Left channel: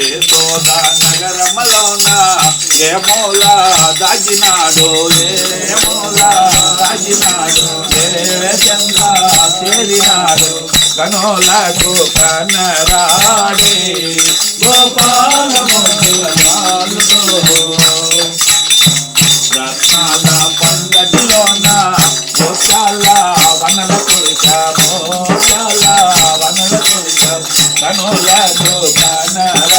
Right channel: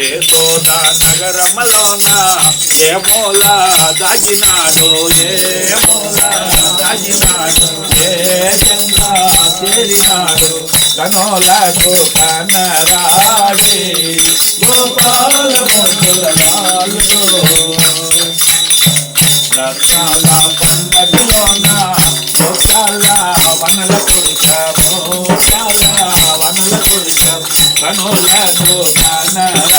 యశోద నగరములోన ఏ మూల దాగినాడు ఏ మూల దాగినాడు ఏ చెంత చేరినాడు కనులకు కనరాడి గోపాల రత్నాల పండగలోన మోసాల వనల కురిశాము మోసాల వనల కురిశాము కనులకు కనరా